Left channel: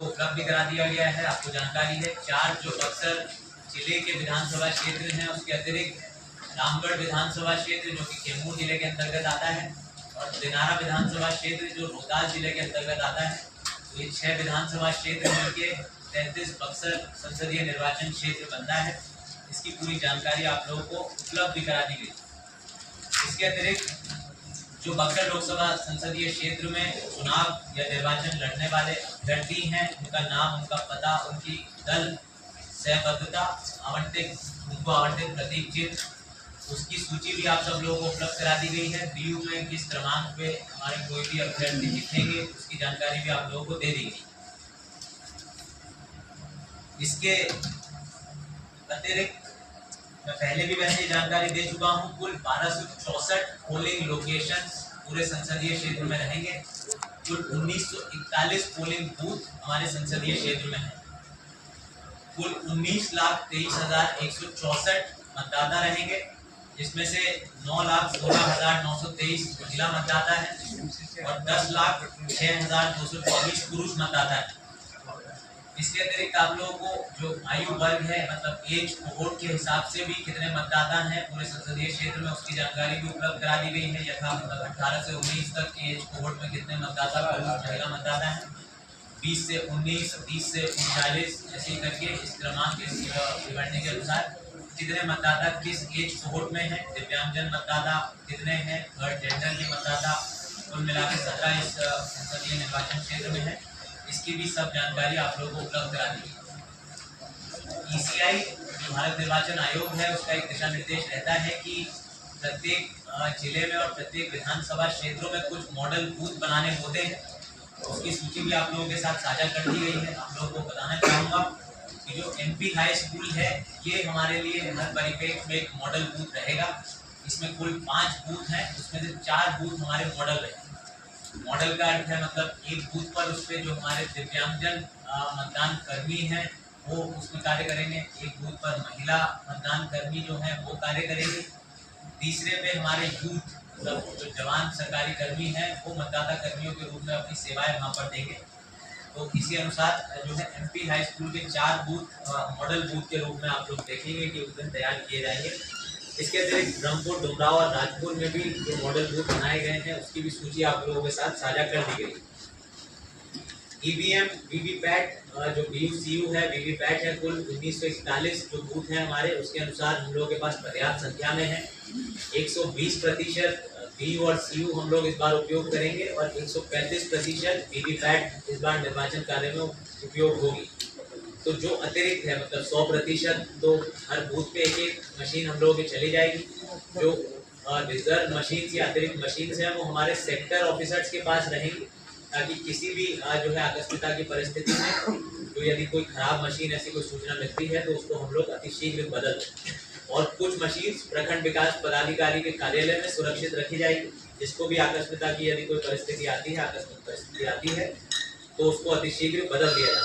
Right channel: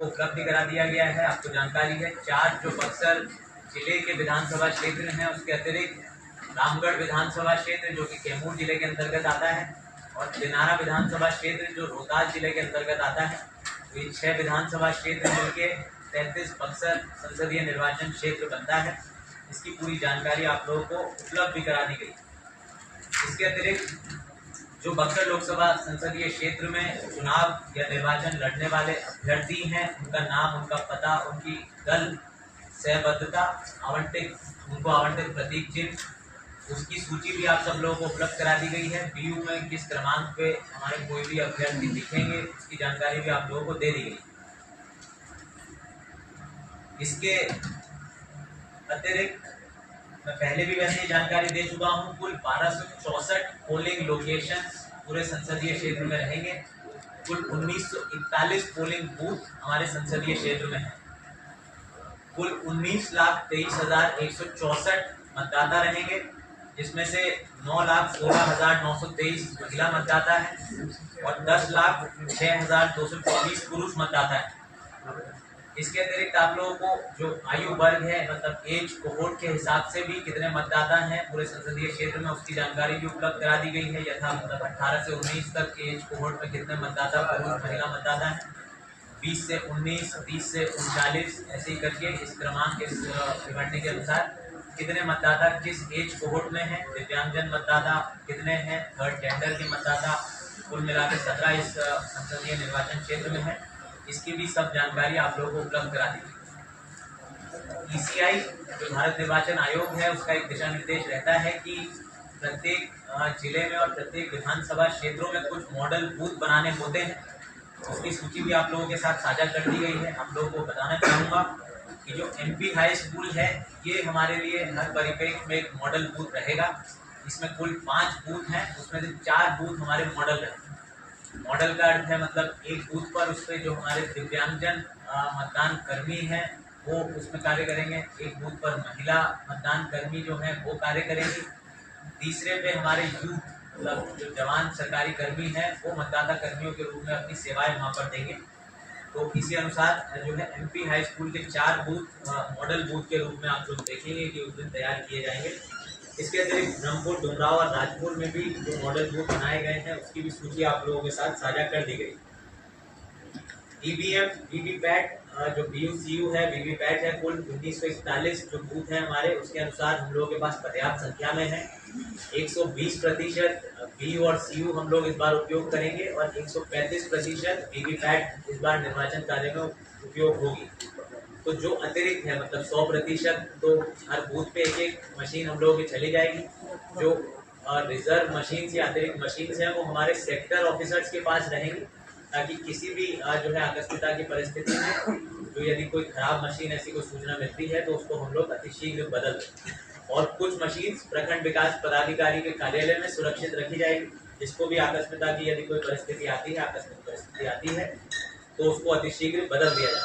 उपलब्ध करा दिया गया है। आपको जानकारी है 4 जो बक्सर जिले के विधानसभा क्षेत्र हैं उसके अतिरिक्त रामगढ़ विधानसभा क्षेत्र जो कि कैमूर जिले के अंतर्गत आता है और दिनारा विधानसभा क्षेत्र जो रोहतास जिले के अंतर्गत आता है। तो ये 6 विधानसभा क्षेत्र मिलके 33 बक्सर संसदीय निर्वाचन क्षेत्र बनता है। इसकी पूरी जानकारी आप लोगों को उपलब्ध करा दी गई। इसके अतिरिक्त जो बक्सर लोकसभा संसदीय क्षेत्र में चुनाव या निर्वाचन लड़ने वाले अभ्यर्थी हैं उनका नाम, उनका पता, उनकी दल सहबद्धता, उनको आवंटित प्रतीक चिन्ह, उसकी सूची भी आप सब लोगों को उपलब्ध करा दी गई है। बीयू में किस क्रमांक पे हमारे कोई भी अभ्यर्थी दिखेंगे उसकी जानकारी भी आप लोगों को दे दी गई। इसके अतिरिक्त मैं पहले भी वैसे जानकारी दे चुका हूं, कुल 1264 पोलिंग लोकेशंस पूरे संसदीय क्षेत्र में रहेंगे। कुल 1941 पोलिंग बूथ हमारे संसदीय क्षेत्र में है। कुल 19,23,164 मतदाता रहेंगे, जिसमें से 9,16,923 महिला मतदाता है और 10,06,224 पुरुष मतदाता है। इसके अतिरिक्त आप लोगों को जो आयु वर्ग है, मतलब एज कोहोर्ट के हिसाब से भी कितने मतदाता हैं पूरे संसदीय क्षेत्र में उसकी जानकारी भी उपलब्ध करा दी गई है। यथा मतलब 18 से 19 तक के एज कोहोर्ट में कितने मतदाता पुरुष महिला मतदाता हैं, 20 से 19, 30 से 39 ऐसे ही करके इस क्रमांक के विवरणी के अनुसार कितने मतदाता किस एज कोहोर्ट में है। दिव्यांगजन मतदाता कितने हैं, थर्ड जेंडर के मतदाता कुल मिलाकर 17 इस संसदीय निर्वाचन क्षेत्र में है। इसकी भी सब जानकारी आप लोगों को उपलब्ध करा दी। ईसीआई जो भारत निर्वाचन आयोग है उसका एक दिशा निर्देश रहता है कि प्रत्येक जिले में और प्रत्येक विधानसभा क्षेत्रों में कुछ मॉडल बूथ बनाने होते हैं। उसकी सूची भी आप लोगों के साथ साझा कर दी गई है। आप लोगों को बताना चाहूँगा कि जो एमपी हाई स्कूल है ये हमारे लिए हर परिप्रेक्ष्य में एक मॉडल बूथ रहेगा। इसमें कुल 5 बूथ हैं, उसमें से 4 बूथ हमारे मॉडल रहेंगे। मॉडल का अर्थ है मतलब एक बूथ पर उस पर जो हमारे दिव्यांगजन मतदान कर्मी हैं वो उसमें कार्य करेंगे, एक बूथ पर महिला मतदान कर्मी जो हैं वो कार्य करेंगे, तीसरे पे हमारे यूथ मतलब जो जवान सरकारी कर्मी हैं वो मतदाता कर्मियों के रूप में अपनी सेवाएं वहाँ पर देंगे। तो इसी अनुसार जो है एमपी हाई स्कूल के 4 बूथ मॉडल बूथ के रूप में आप लोग देखेंगे कि उस दिन तैयार किए जाएंगे। इसके अतिरिक्त ब्रह्मपुर, डुमराव और राजपुर में भी जो मॉडल बूथ बनाए गए हैं उसकी भी सूची आप लोगों के साथ साझा कर दी गई। ईवीएम, वीवीपैट जो बीयूसीयू है, वीवीपैट है, कुल 1941 जो बूथ हैं हमारे उसके अनुसार हम लोगों के पास पर्याप्त संख्या में है। 120% बीयू और सीयू हम लोग इस बार उपयोग करेंगे और 135% वीवीपैट इस बार निर्वाचन कार्य में उपयोग होगी। तो जो अतिरिक्त है मतलब 100% तो हर बूथ पे एक मशीन हम लोगों की चली जाएगी। जो रिजर्व मशीन या अतिरिक्त मशीन हैं वो हमारे सेक्टर ऑफिसर्स के पास रहेंगी, ताकि किसी भी जो है आकस्मिकता की परिस्थिति में जो यदि कोई खराब मशीन ऐसी कोई सूचना मिलती है तो उसको हम लोग अतिशीघ्र बदल दें। और कुछ मशीन प्रखंड विकास पदाधिकारी के कार्यालय में सुरक्षित रखी जाएगी, जिसको भी आकस्मिकता की यदि कोई परिस्थिति आती है, आकस्मिक परिस्थिति आती है तो उसको अतिशीघ्र बदल दिया जाए।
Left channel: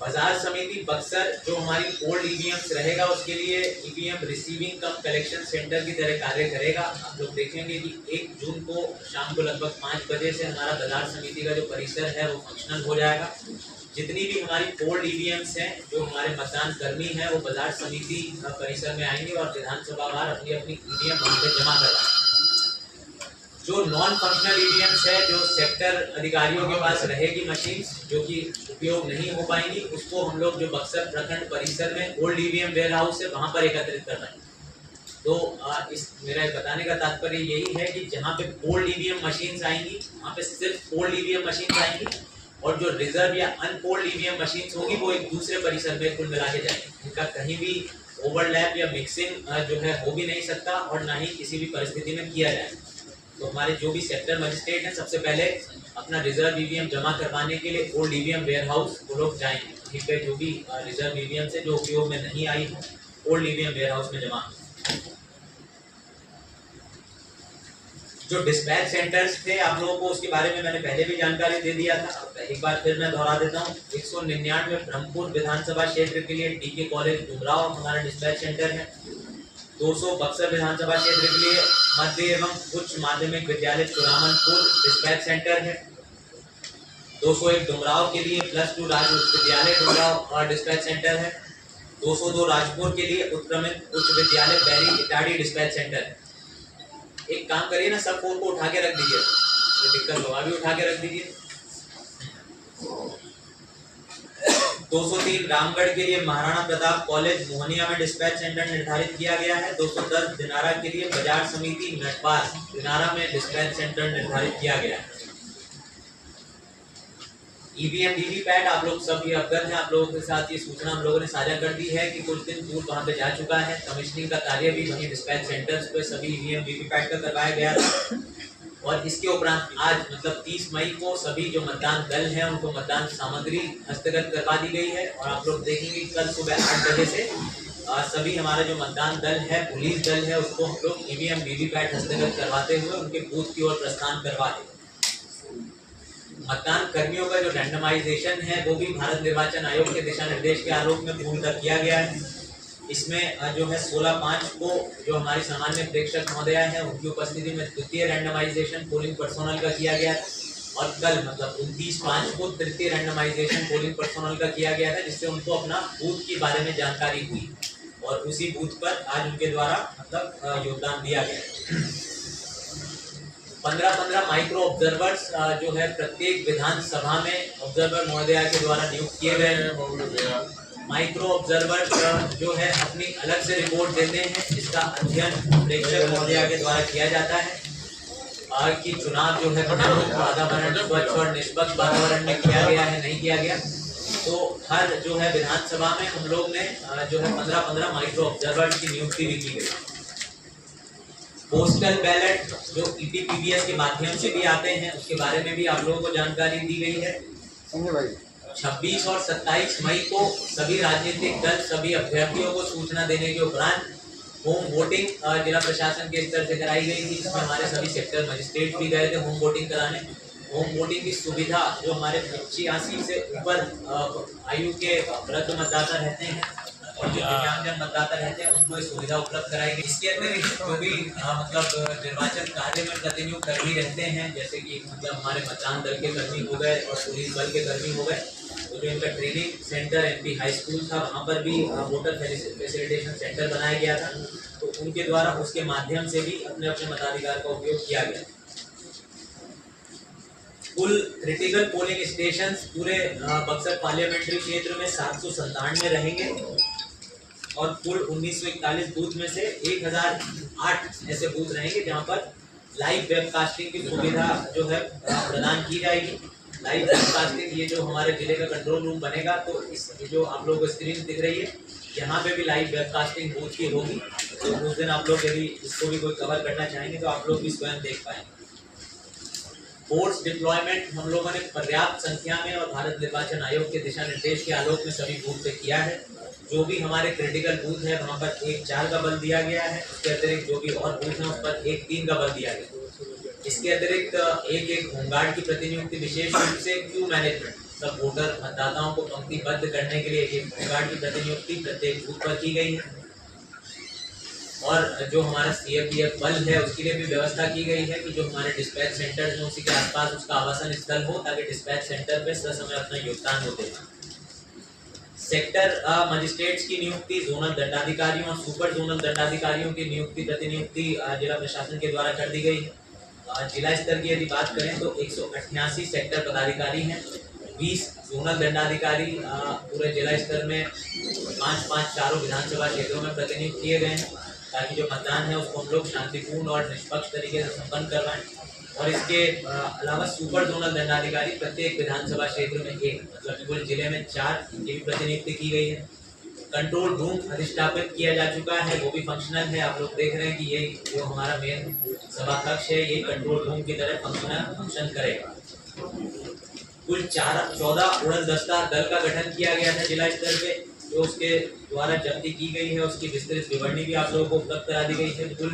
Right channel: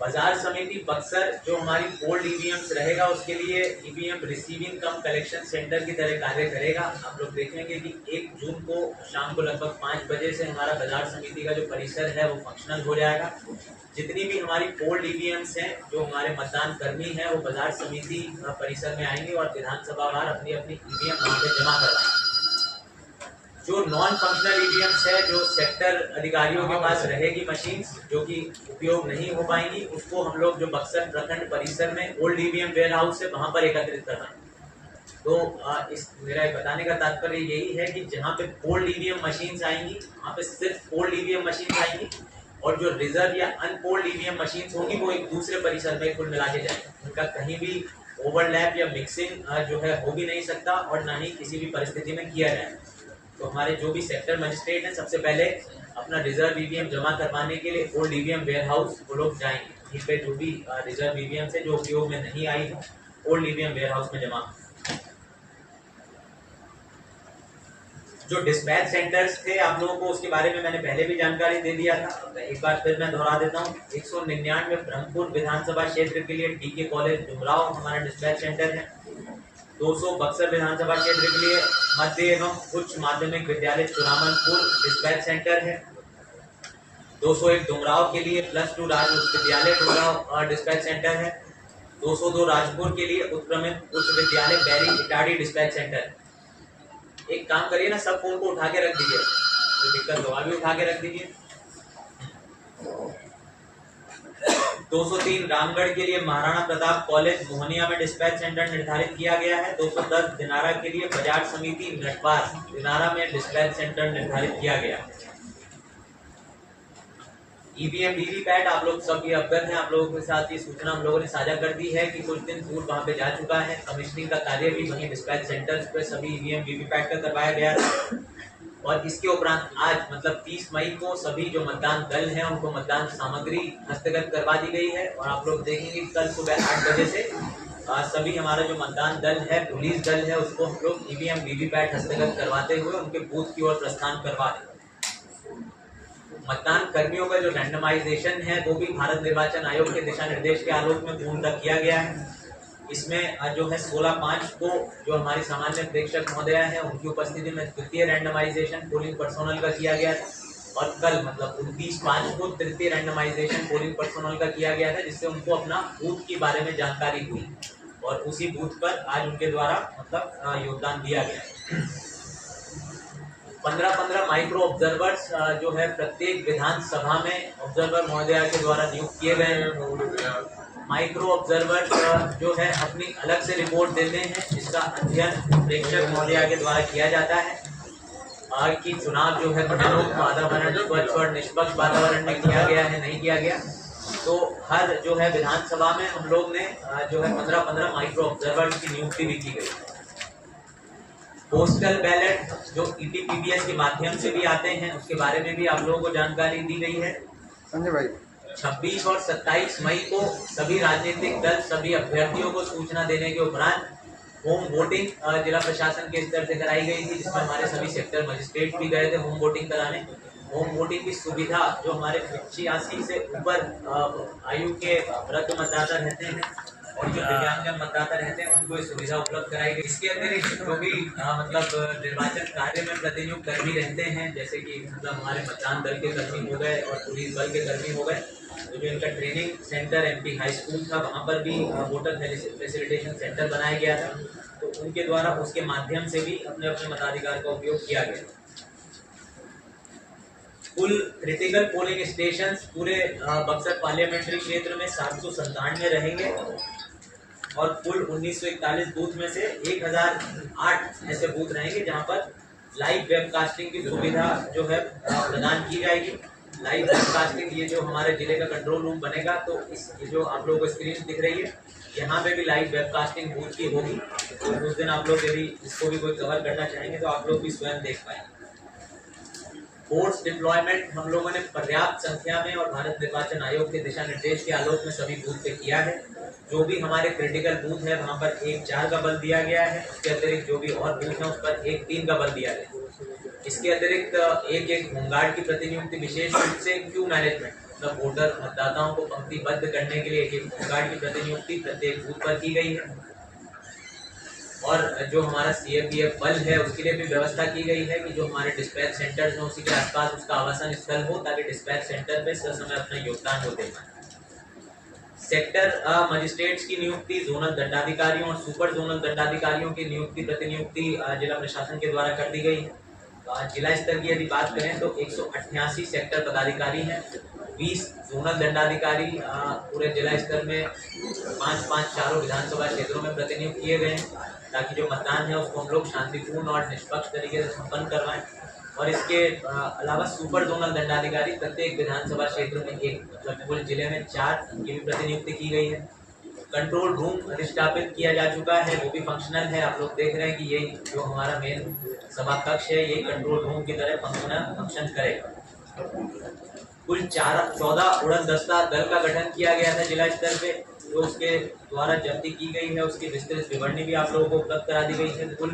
बाजार समिति बक्सर जो हमारी ओल्ड ईवीएम्स रहेगा उसके लिए ईवीएम रिसीविंग कम कलेक्शन सेंटर की तरह कार्य करेगा। आप लोग देखेंगे कि 1 जून को शाम को लगभग 5 बजे से हमारा बाजार समिति का जो परिसर है वो फंक्शनल हो जाएगा। जितनी भी हमारी ओल्ड ईवीएम्स हैं जो हमारे मतदान कर्मी हैं वो बाजार समिति परिसर में आएंगे और विधानसभा वार अपनी अपनी ईवीएम वहाँ पे जमा करवाएंगे। जो नॉन फंक्शनल ईवीएम्स है जो सेक्टर अधिकारियों के पास रहेगी मशीन जो कि उपयोग नहीं हो पाएंगी, उसको हम लोग जो बक्सर प्रखंड परिसर में ओल्ड ईवीएम वेयर हाउस है वहां पर एकत्रित करवाएंगे। तो इस मेरा बताने का तात्पर्य यही है कि जहां पे ओल्ड ईवीएम मशीन्स आएंगी वहां पे सिर्फ ओल्ड ईवीएम मशीन्स आएंगी और जो रिजर्व या अनपोल्ड ईवीएम मशीन्स होंगी वो एक दूसरे परिसर में कुल मिला के जाएंगे। उनका कहीं भी ओवरलैप या मिक्सिंग जो है हो भी नहीं सकता और ना ही किसी भी परिस्थिति में किया जाए। तो हमारे जो भी सेक्टर मजिस्ट्रेट हैं सबसे पहले अपना रिजर्व ईवीएम जमा करवाने के लिए ओल्ड ईवीएम वेयर हाउस वो लोग जाएंगे। वहीं पे जो भी रिजर्व ईवीएम से जो उपयोग में नहीं आई है ओल्ड ईवीएम वेयर हाउस में जमा। जो डिस्पैच सेंटर्स थे आप लोगों को उसके बारे में मैंने पहले भी जानकारी दे दिया था, एक बार फिर मैं दोहरा देता हूँ। 199 ब्रह्मपुर विधानसभा क्षेत्र के लिए डीके कॉलेज डुमराव हमारा डिस्पैच सेंटर है। 200 बक्सर विधानसभा क्षेत्र के लिए मध्य एवं उच्च माध्यमिक विद्यालय चुरामनपुर डिस्पैच सेंटर है। 201 डुमराव के लिए +2 राज उच्च विद्यालय डुमराव डिस्पैच सेंटर है। 202 राजपुर के लिए उत्क्रमित उच्च विद्यालय बैरी इटाड़ी डिस्पैच सेंटर। एक काम करिए ना, सब फोन को उठा के रख दीजिए, कोई दिक्कत हो अभी उठा के रख दीजिए। 203 रामगढ़ के लिए महाराणा प्रताप कॉलेज मोहनिया में डिस्पैच सेंटर निर्धारित किया गया है। 210 दिनारा के लिए बाजार समिति नटवार दिनारा में डिस्पैच सेंटर निर्धारित किया गया है। ईवीएम वीवीपैट आप लोग सब ये अवगत हैं, आप लोगों के साथ ये सूचना हम लोगों ने साझा कर दी है कि कुछ दिन पूर्व वहाँ पे जा चुका है। कमिश्निंग का कार्य भी वहीं डिस्पैच सेंटर्स पे सभी ईवीएम वीवीपैट का करवाया गया था। और इसके उपरांत आज मतलब 30 मई को सभी जो मतदान दल हैं उनको मतदान सामग्री हस्तगत करवा दी गई है। और आप लोग देखेंगे कल सुबह 8 बजे से सभी हमारा जो मतदान दल है, पुलिस दल है, उसको हम लोग ईवीएम वीवीपैट हस्तगत करवाते हुए उनके बूथ की ओर प्रस्थान करवा देंगे। मतदान कर्मियों का जो रैंडमाइजेशन है वो भी भारत निर्वाचन आयोग के दिशा निर्देश के आलोक में पूर्णतः किया गया है। इसमें जो है 16/5 को जो हमारी सामान्य प्रेक्षक महोदया है उनकी उपस्थिति में द्वितीय रैंडमाइजेशन पोलिंग पर्सोनल का किया गया था। और कल मतलब 29/5 को तृतीय रैंडमाइजेशन पोलिंग पर्सोनल का किया गया था, जिससे उनको अपना बूथ के बारे में जानकारी हुई और उसी बूथ पर आज उनके द्वारा मतलब योगदान दिया गया। 15-15 माइक्रो ऑब्जर्वर्स जो है प्रत्येक विधानसभा में ऑब्जर्वर महोदया के द्वारा नियुक्त किए गए हैं। माइक्रो ऑब्जर्वर्स जो है अपनी अलग से रिपोर्ट देते हैं, जिसका अध्ययन प्रेक्षक महोदया के द्वारा किया जाता है कि चुनाव जो है वातावरण स्वच्छ और निष्पक्ष वातावरण में किया गया है नहीं किया गया। तो हर जो है विधानसभा में हम लोग ने जो है 15-15 माइक्रो ऑब्जर्वर्स की नियुक्ति भी की गई। पोस्टल बैलेट जो ईटीपीबीएस के माध्यम से भी आते हैं उसके बारे में भी आप लोगों को जानकारी दी गई है। संजय भाई 26 और 27 मई को सभी राजनीतिक दल सभी अभ्यर्थियों को सूचना देने के उपरांत होम वोटिंग जिला प्रशासन के स्तर से कराई गई थी, जिसमें हमारे सभी सेक्टर मजिस्ट्रेट भी गए थे होम वोटिंग कराने। होम वोटिंग की सुविधा जो हमारे 85 से ऊपर आयु के वृद्ध मतदाता रहते हैं और जो दिव्यांगजन मतदाता रहते हैं उनको ये सुविधा उपलब्ध कराई गई। इसके अतिरिक्त जो भी मतलब निर्वाचन कार्य में प्रतिनियुक्त कर्मी रहते हैं, जैसे कि मतलब हमारे मतदान दल के कर्मी हो गए और पुलिस बल के कर्मी हो गए, तो जो इनका training centre MP high school था वहाँ पर भी वोटर फैसिलिटेशन सेंटर बनाया गया था, तो उनके द्वारा उसके माध्यम से भी अपने अपने मताधिकार का उपयोग किया गया। कुल क्रिटिकल पोलिंग स्टेशन पूरे बक्सर पार्लियामेंट्री क्षेत्र में 797 रहेंगे और कुल 1941 बूथ में से 1008 ऐसे बूथ रहेंगे जहां पर लाइव वेबकास्टिंग की सुविधा जो है प्रदान की जाएगी। लाइव वेबकास्टिंग ये जो हमारे जिले का कंट्रोल रूम बनेगा, तो इस जो आप लोगों को स्क्रीन दिख रही है यहाँ पे भी लाइव वेबकास्टिंग बूथ की होगी। तो उस दिन आप लोग यदि इसको भी कोई कवर करना चाहेंगे तो आप लोग भी स्वयं देख पाएंगे। फोर्स डिप्लॉयमेंट हम लोगों ने पर्याप्त संख्या में और भारत निर्वाचन आयोग के दिशा निर्देश के आलोक में सभी बूथ पे किया है। जो भी हमारे क्रिटिकल बूथ है वहाँ पर 1-4 का बल दिया गया है। उसके अतिरिक्त जो भी और बूथ है उस पर 1-3 का बल दिया गया। इसके अतिरिक्त एक होमगार्ड की प्रतिनियुक्ति विशेष रूप से क्यू मैनेजमेंट मतलब वोटर मतदाताओं को पंक्तिबद्ध करने के लिए एक होमगार्ड की प्रतिनियुक्ति प्रत्येक बूथ पर की गई है। और जो हमारा सीएपीएफ बल है उसके लिए भी व्यवस्था की गई है कि जो हमारे डिस्पैच सेंटर्स हैं उसी के आसपास उसका आवासन स्थल हो, ताकि डिस्पैच सेंटर पे ससमय अपना योगदान हो दे। सेक्टर मजिस्ट्रेट्स की नियुक्ति, जोनल दंडाधिकारियों और सुपर जोनल दंडाधिकारियों की नियुक्ति प्रतिनियुक्ति जिला प्रशासन के द्वारा कर दी गई है। जिला स्तर की यदि बात करें तो 188 सेक्टर पदाधिकारी हैं, 20 जोनल दंडाधिकारी पूरे जिला स्तर में 5-5 चारों विधानसभा क्षेत्रों में प्रतिनियुक्त किए गए हैं, ताकि जो मतदान है उसको हम लोग शांतिपूर्ण और निष्पक्ष तरीके से संपन्न करवाएं। और इसके अलावा सुपर जोनल दंडाधिकारी प्रत्येक विधानसभा क्षेत्र में एक मतलब पूरे जिले में 4 की भी प्रतिनियुक्ति की गई है। कंट्रोल रूम अधिष्ठापित किया जा चुका है, वो भी फंक्शनल है। आप लोग देख रहे हैं कि ये जो हमारा मेन सभा कक्ष है ये कंट्रोल रूम की तरह फंक्शन करेगा। कुल 14 उड़न दस्ता दल का गठन किया गया था जिला स्तर पे, जो उसके द्वारा जब्ती की गई है उसकी विस्तृत विवरणी भी आप लोगों को उपलब्ध करा दी गई है। कुल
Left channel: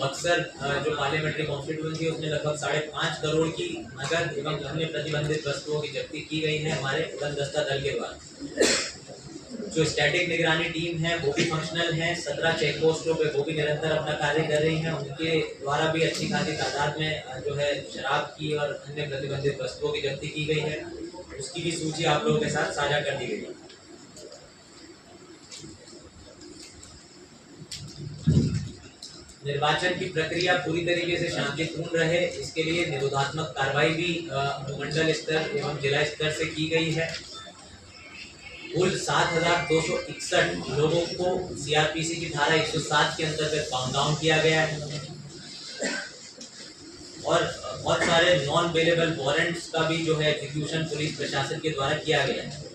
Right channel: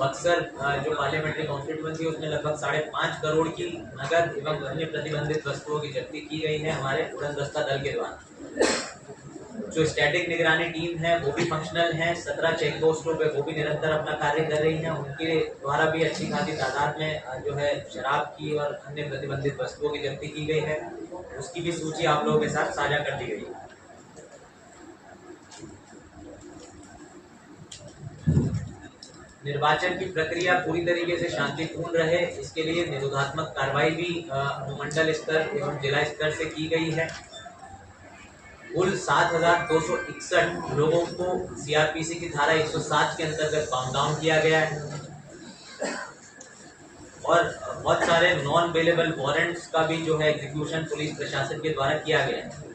बक्सर जो पार्लियामेंट्री कॉन्स्टिट्यूएंसी है उसमें लगभग 5.5 करोड़ की नगद एवं अन्य प्रतिबंधित वस्तुओं की जब्ती की गई है हमारे उड़न दस्ता दल के द्वारा। जो स्टैटिक निगरानी टीम है वो भी फंक्शनल है। 17 चेक पोस्टों पे वो भी निरंतर अपना कार्य कर रही है। उनके द्वारा भी अच्छी खासी तादाद में जो है शराब की और अन्य प्रतिबंधित वस्तुओं की जब्ती की गई है। उसकी भी सूची आप लोगों के साथ साझा कर दी गई है। निर्वाचन की प्रक्रिया पूरी तरीके से शांतिपूर्ण रहे, इसके लिए निरोधात्मक कार्रवाई भी अनुमंडल स्तर एवं जिला स्तर से की गई है। कुल 7,261 लोगों को सीआरपीसी की धारा 107 के अंतर्गत बाउंड डाउन किया गया है और बहुत सारे नॉन अवेलेबल वारंट्स का भी जो है एग्जीक्यूशन पुलिस प्रशासन के द्वारा किया गया है।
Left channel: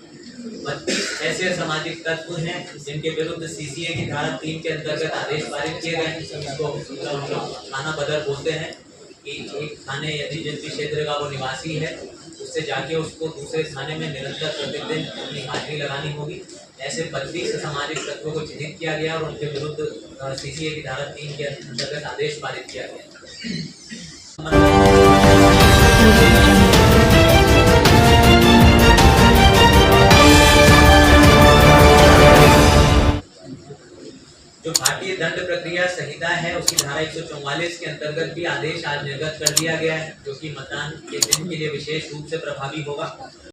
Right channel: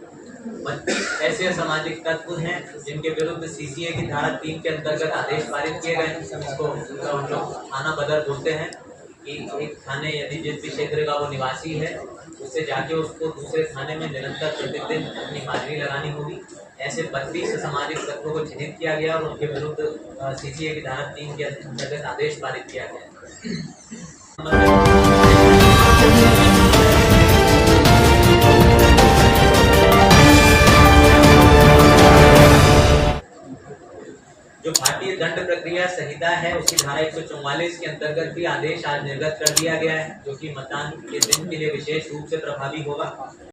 32 ऐसे असामाजिक तत्व हैं जिनके विरुद्ध सीसीए की धारा 3 के अंतर्गत आदेश पारित किए गए हैं। इसको हम लोग थाना बदर बोलते हैं कि एक थाने यदि जिस भी क्षेत्र का वो निवासी है उससे जाके उसको दूसरे थाने में निरंतर प्रतिदिन अपनी हाजिरी लगानी होगी। ऐसे 32 सामाजिक तत्वों को चिन्हित किया गया और उनके विरुद्ध सीसीए की धारा 3 के अंतर्गत आदेश पारित किया गया। जो भारतीय दंड प्रक्रिया संहिता है उसकी धारा 144 के अंतर्गत भी आदेश आज निर्गत कर दिया गया है, जो कि मतदान के दिन के लिए विशेष रूप से प्रभावी होगा।